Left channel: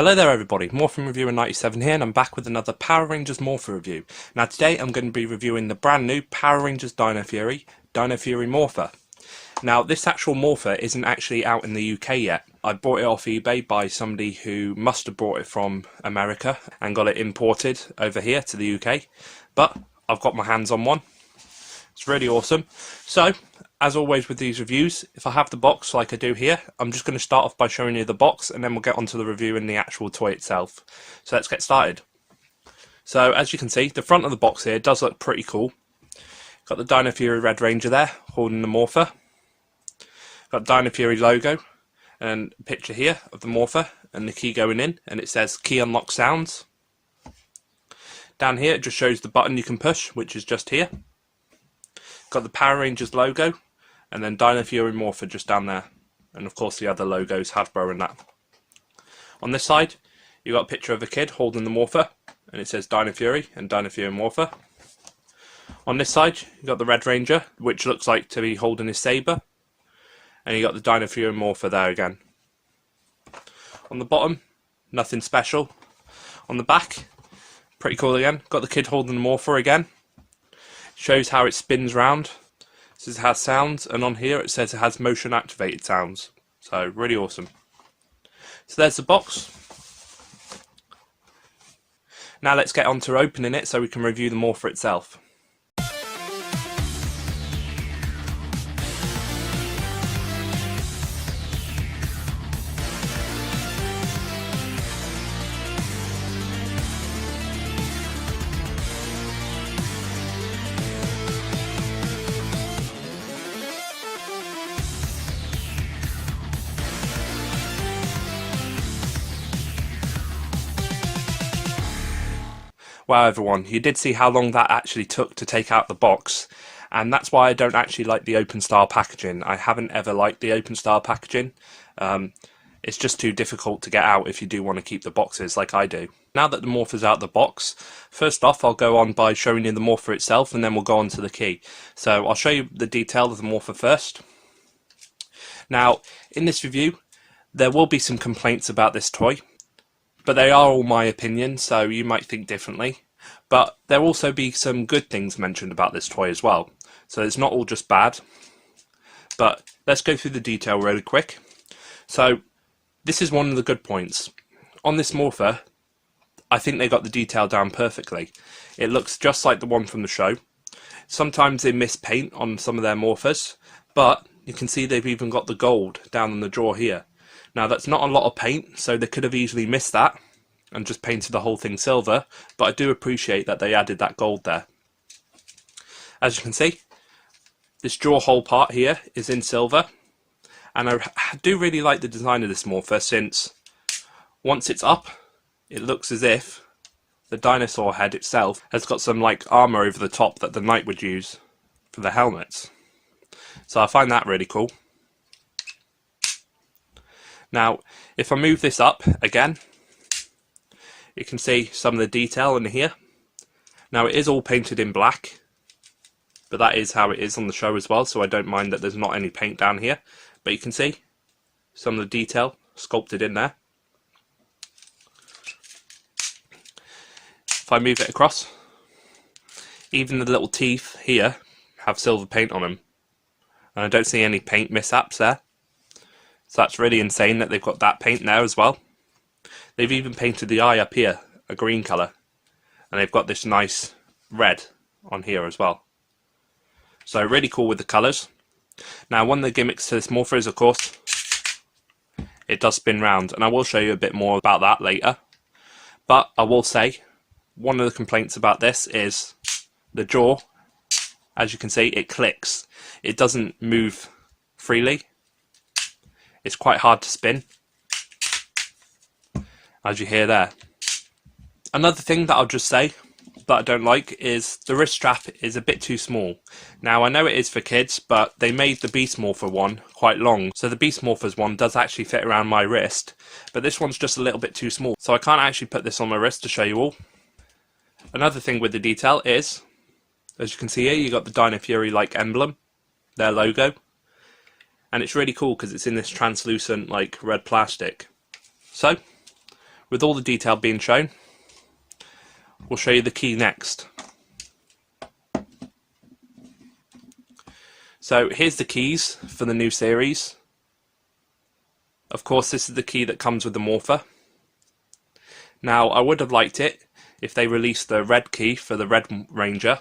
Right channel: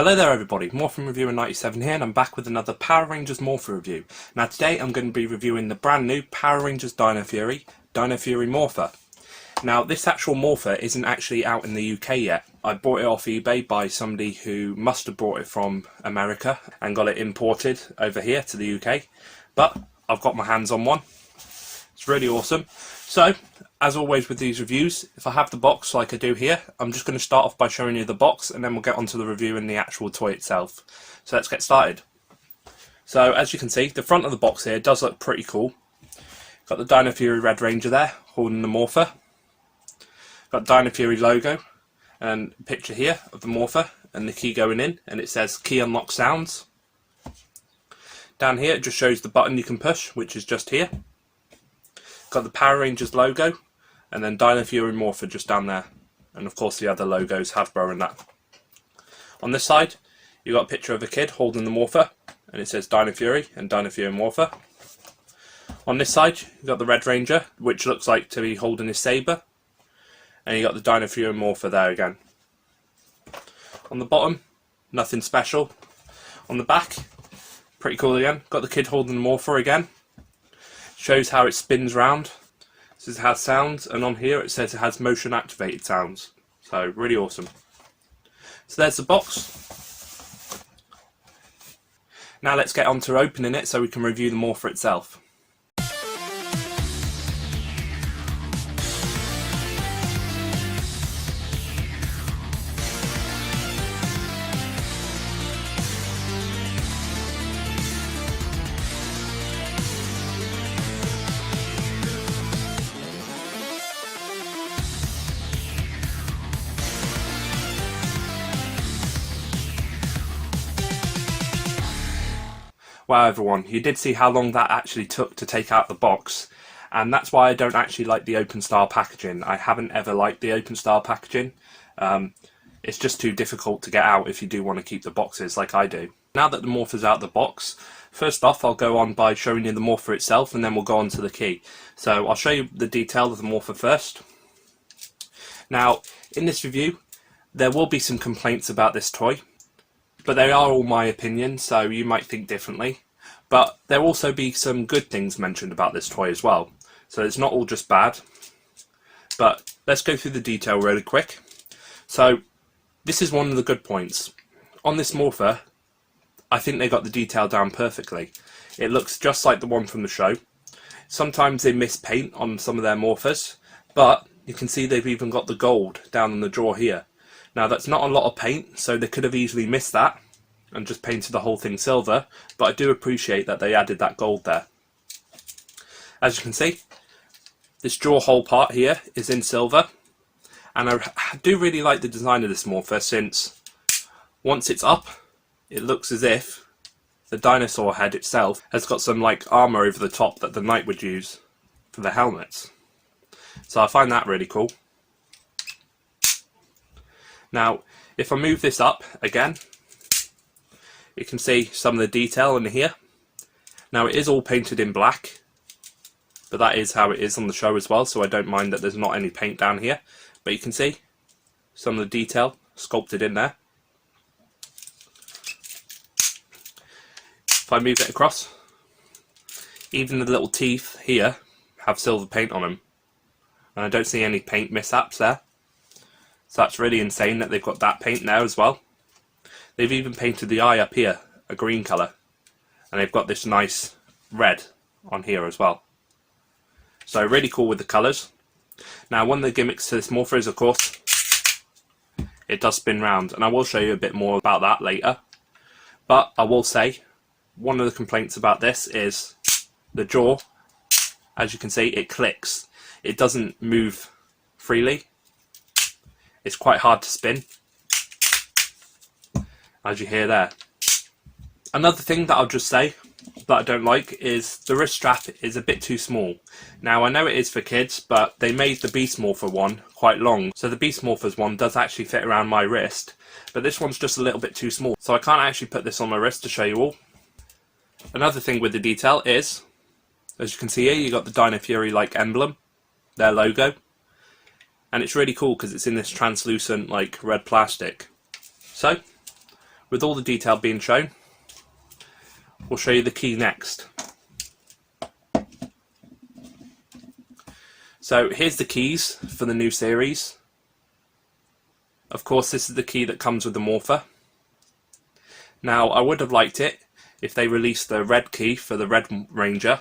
Hello there everybody, Morpher Reviewer 97 here, and I'm back with another Power Rangers Morpher review. Now today I'm going to be reviewing the brand new Power Rangers Dino Fury Morpher. Now this actual Morpher isn't actually out in the UK yet. I bought it off eBay by somebody who must have brought it from America and got it imported over here to the UK. But I've got my hands on one. It's really awesome. So, as always with these reviews, if I have the box like I do here, I'm just going to start off by showing you the box and then we'll get onto the review and the actual toy itself. So let's get started. So as you can see, the front of the box here does look pretty cool. Got the Dino Fury Red Ranger there, holding the Morpher. Got the Dino Fury logo and a picture here of the Morpher and the key going in, and it says key unlock sounds. Down here it just shows the button you can push, which is just here. Got the Power Rangers logo, and then Dino Fury Morpher just down there, and of course the other logos, Hasbro and that. On this side you got a picture of a kid holding the Morpher, and it says Dino Fury and Dino Fury Morpher. On this side you got the Red Ranger, which looks like to be holding his saber, and you got the Dino Fury Morpher there again. On the bottom, nothing special. On the back, pretty cool again, got the kid holding the Morpher again. Shows how it spins round. It says it has sounds, and on here it says it has motion activated sounds. So really awesome. So there's the box. Now let's get on to opening it so we can review the Morpher itself. Wow everyone, you did see how long that actually took to take out the box, and that's why I don't actually like the open style packaging. I haven't ever liked the open style packaging. It's just too difficult to get out if you do want to keep the boxes like I do. Now that the Morpher's out of the box, first off I'll go on by showing you the Morpher itself, and then we'll go on to the key. So I'll show you the detail of the Morpher first. Now in this review there will be some complaints about this toy, but they are all my opinion, so you might think differently. But there will also be some good things mentioned about this toy as well. So it's not all just bad. But let's go through the detail really quick. So this is one of the good points. On this Morpher, I think they got the detail down perfectly. It looks just like the one from the show. Sometimes they miss paint on some of their Morphers, but you can see they've even got the gold down in the drawer here. Now that's not a lot of paint, so they could have easily missed that and just painted the whole thing silver, but I do appreciate that they added that gold there. As you can see, this drawer hole part here is in silver, and I do really like the design of this Morpher, since once it's up, it looks as if the dinosaur head itself has got some like armour over the top that the knight would use for the helmets. So I find that really cool. Now, if I move this up again, you can see some of the detail in here. Now it is all painted in black, but that is how it is on the show as well, so I don't mind that there's not any paint down here. But you can see some of the detail sculpted in there. If I move it across, even the little teeth here have silver paint on them, and I don't see any paint mishaps there. So that's really insane that they've got that paint there as well. They've even painted the eye up here a green colour, and they've got this nice red on here as well. So really cool with the colours. Now one of the gimmicks to this Morpher is, of course, it does spin round, and I will show you a bit more about that later. But I will say, one of the complaints about this is the jaw. As you can see, it clicks. It doesn't move freely. It's quite hard to spin, as you hear there. Another thing that I'll just say that I don't like is the wrist strap is a bit too small. Now I know it is for kids, but they made the Beast Morpher one quite long, so the Beast Morphers one does actually fit around my wrist, but this one's just a little bit too small, so I can't actually put this on my wrist to show you all. Another thing with the detail is, as you can see here, you got the Dino Fury like emblem, their logo. And it's really cool because it's in this translucent like red plastic. So with all the detail being shown, we'll show you the key next. So here's the keys for the new series. Of course, this is the key that comes with the Morpher. Now, I would have liked it if they released the red key for the Red Ranger,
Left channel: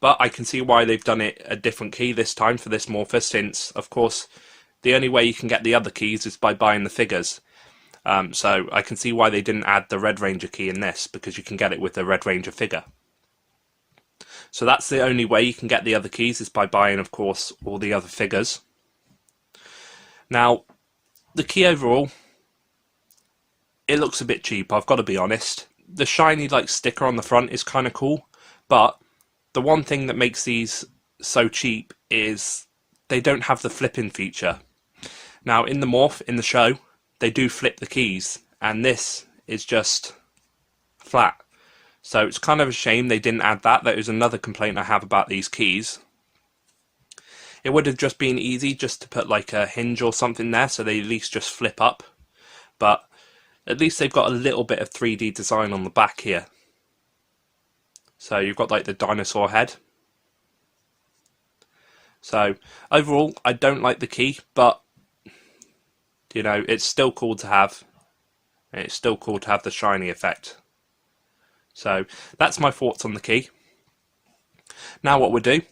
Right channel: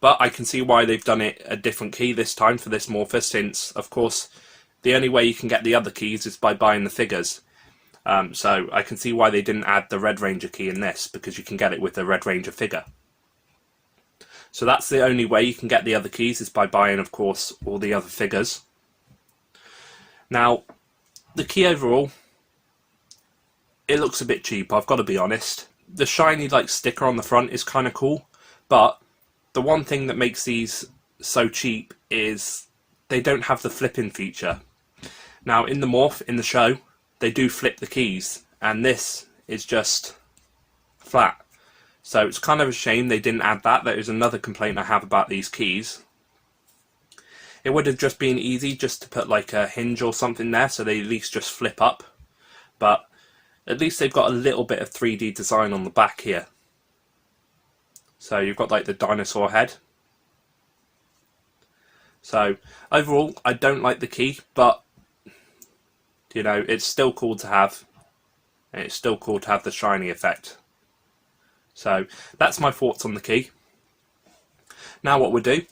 but I can see why they've done it a different key this time for this Morpher, since, of course, the only way you can get the other keys is by buying the figures. So I can see why they didn't add the Red Ranger key in this, because you can get it with the Red Ranger figure. So that's the only way you can get the other keys, is by buying, of course, all the other figures. Now, the key overall, it looks a bit cheap, I've got to be honest. The shiny like sticker on the front is kind of cool, but the one thing that makes these so cheap is they don't have the flipping feature. Now in the Morph, in the show, they do flip the keys, and this is just flat. So it's kind of a shame they didn't add that. That is another complaint I have about these keys. It would have just been easy just to put like a hinge or something there, so they at least just flip up. But at least they've got a little bit of 3D design on the back here. So you've got like the dinosaur head. So overall, I don't like the key, but you know, it's still cool to have, and it's still cool to have the shiny effect. So that's my thoughts on the key. Now what we'll do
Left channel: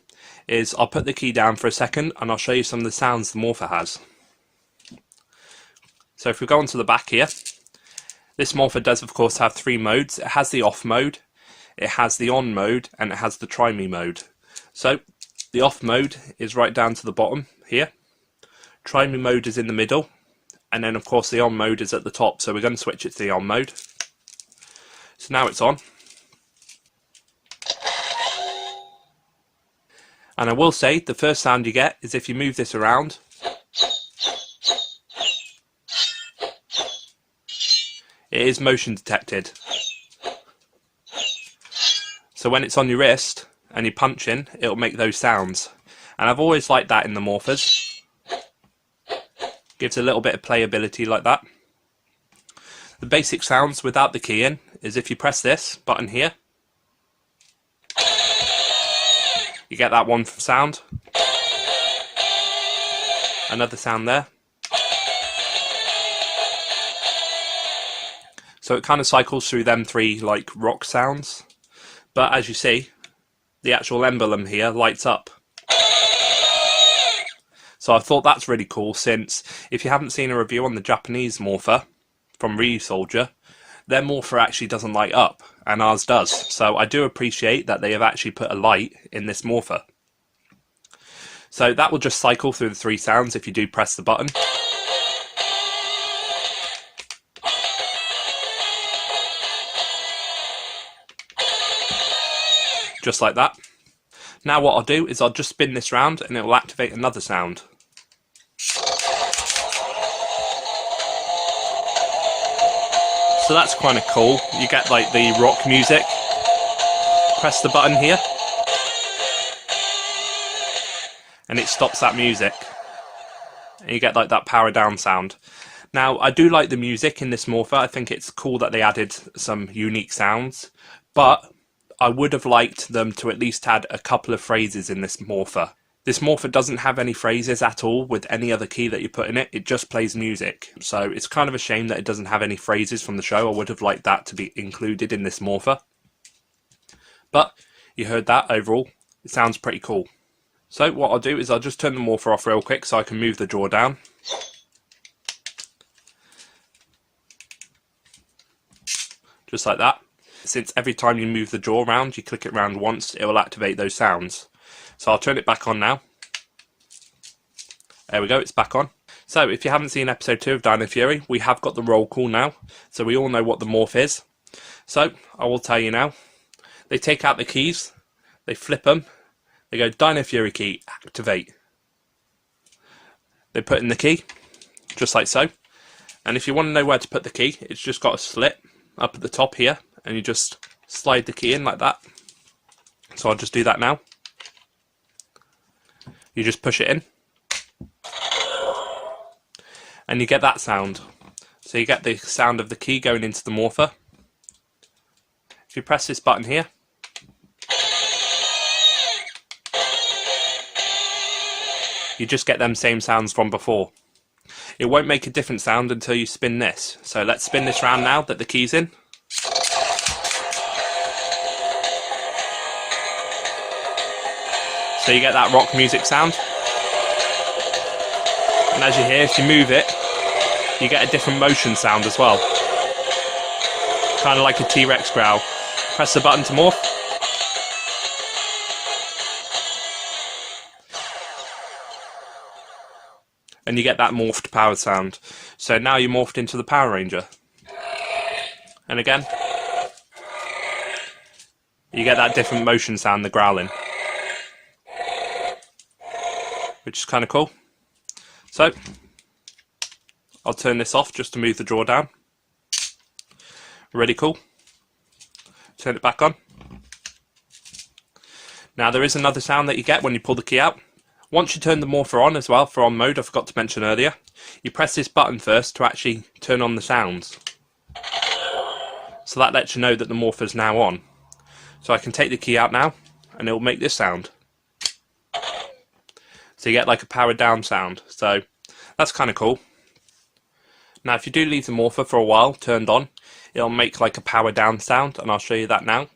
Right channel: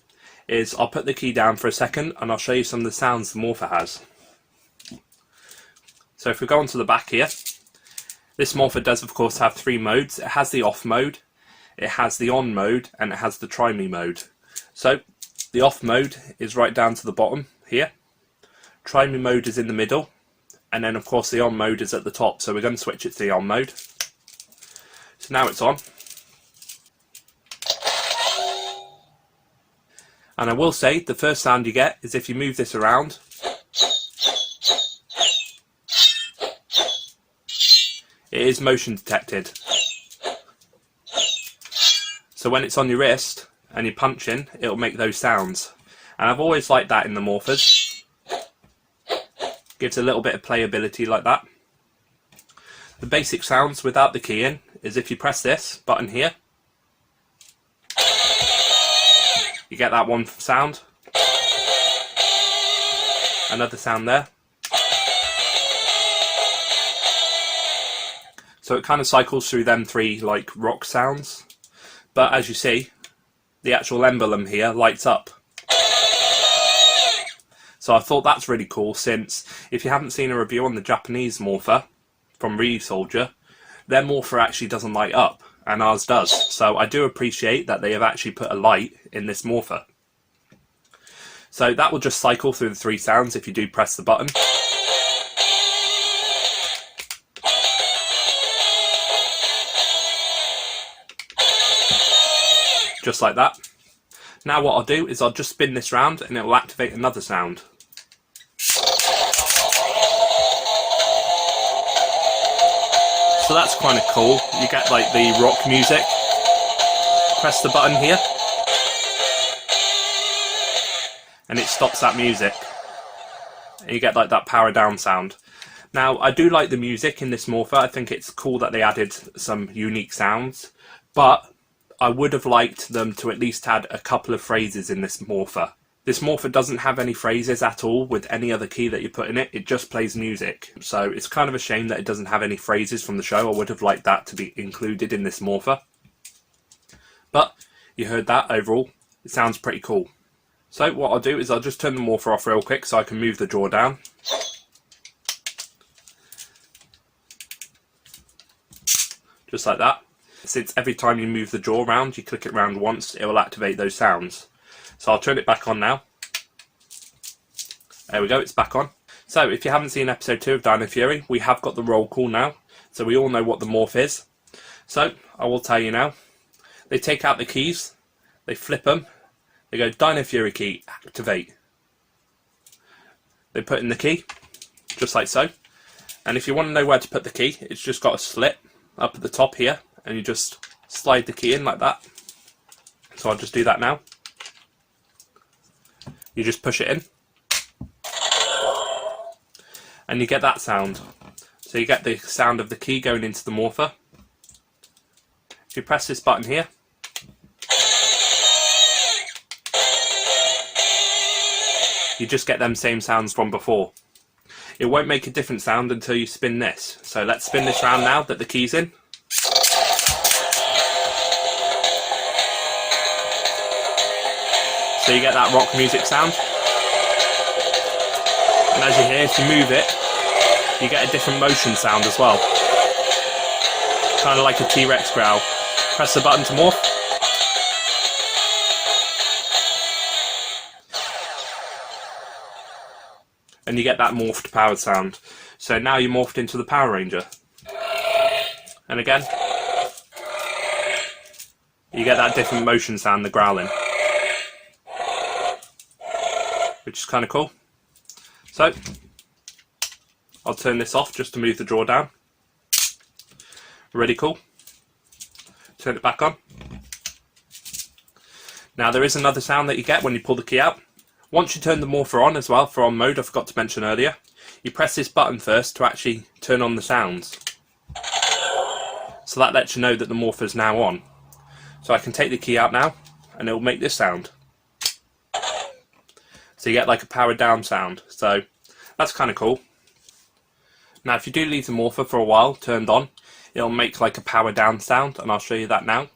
is I'll put the key down for a second and I'll show you some of the sounds the Morpher has. So if we go onto the back here, this Morpher does of course have 3 modes. It has the off mode, it has the on mode, and it has the try me mode. So the off mode is right down to the bottom here. Try me mode is in the middle, and then of course the on mode is at the top. So we're going to switch it to the on mode. So now it's on. And I will say, the first sound you get is if you move this around. It is motion detected. So when it's on your wrist and you're punching, it'll make those sounds. And I've always liked that in the Morphers. Gives a little bit of playability like that. The basic sounds without the key in is if you press this button here, you get that one sound. Another sound there. So it kind of cycles through them 3 like rock sounds. But as you see, the actual emblem here lights up. So I thought that's really cool, since if you haven't seen a review on the Japanese Morpher from Ryusoulger, their Morpher actually doesn't light up, and ours does. So I do appreciate that they have actually put a light in this Morpher. So that will just cycle through the 3 sounds if you do press the button. Just like that. Now what I'll do is I'll just spin this round and it will activate another sound. So that's kind of cool. You get like the rock music. Press the button here and it stops that music. And you get like that power down sound. Now I do like the music in this Morpher. I think it's cool that they added some unique sounds. But I would have liked them to at least add a couple of phrases in this Morpher. This Morpher doesn't have any phrases at all with any other key that you put in it. It just plays music. So it's kind of a shame that it doesn't have any phrases from the show. I would have liked that to be included in this Morpher. But you heard that overall. It sounds pretty cool. So what I'll do is I'll just turn the Morpher off real quick so I can move the jaw down. Just like that. Since every time you move the jaw around, you click it around once, it will activate those sounds. So I'll turn it back on now. There we go, it's back on. So if you haven't seen episode 2 of Dino Fury, we have got the roll call now. So we all know what the morph is. So I will tell you now. They take out the keys, they flip them, they go Dino Fury key, activate. They put in the key, just like so. And if you want to know where to put the key, it's just got a slit up at the top here. And you just slide the key in like that. So I'll just do that now. You just push it in. And you get that sound. So you get the sound of the key going into the morpher. If you press this button here, you just get them same sounds from before. It won't make a different sound until you spin this. So let's spin this round now that the key's in. So you get that rock music sound. And as you hear, if you move it, you get a different motion sound as well. Kind of like a T-Rex growl. Press the button to morph. And you get that morphed powered sound. So now you're morphed into the Power Ranger. And again, you get that different motion sound, the growling. Which is kind of cool. So, I'll turn this off just to move the drawer down. Really cool. Turn it back on. Now there is another sound that you get when you pull the key out. Once you turn the morpher on as well, for on mode, I forgot to mention earlier, you press this button first to actually turn on the sounds. So that lets you know that the morpher's now on. So I can take the key out now, and it will make this sound. So you get like a powered down sound. So that's kind of cool. Now if you do leave the morpher for a while turned on, it'll make like a power down sound, and I'll show you that now.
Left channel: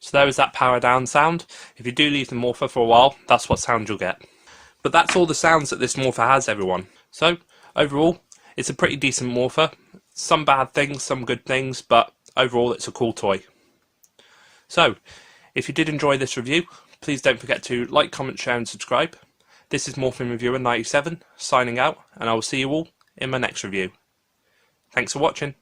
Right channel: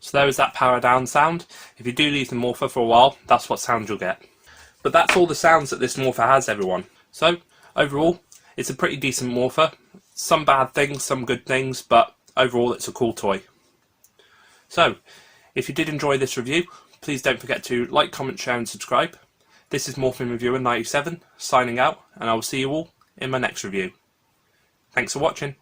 So there is that power down sound. If you do leave the morpher for a while, that's what sound you'll get. But that's all the sounds that this morpher has, everyone. So overall, it's a pretty decent morpher. Some bad things, some good things, but overall it's a cool toy. So if you did enjoy this review, please don't forget to like, comment, share and subscribe. This is Morphin Reviewer 97 signing out, and I will see you all in my next review. Thanks for watching.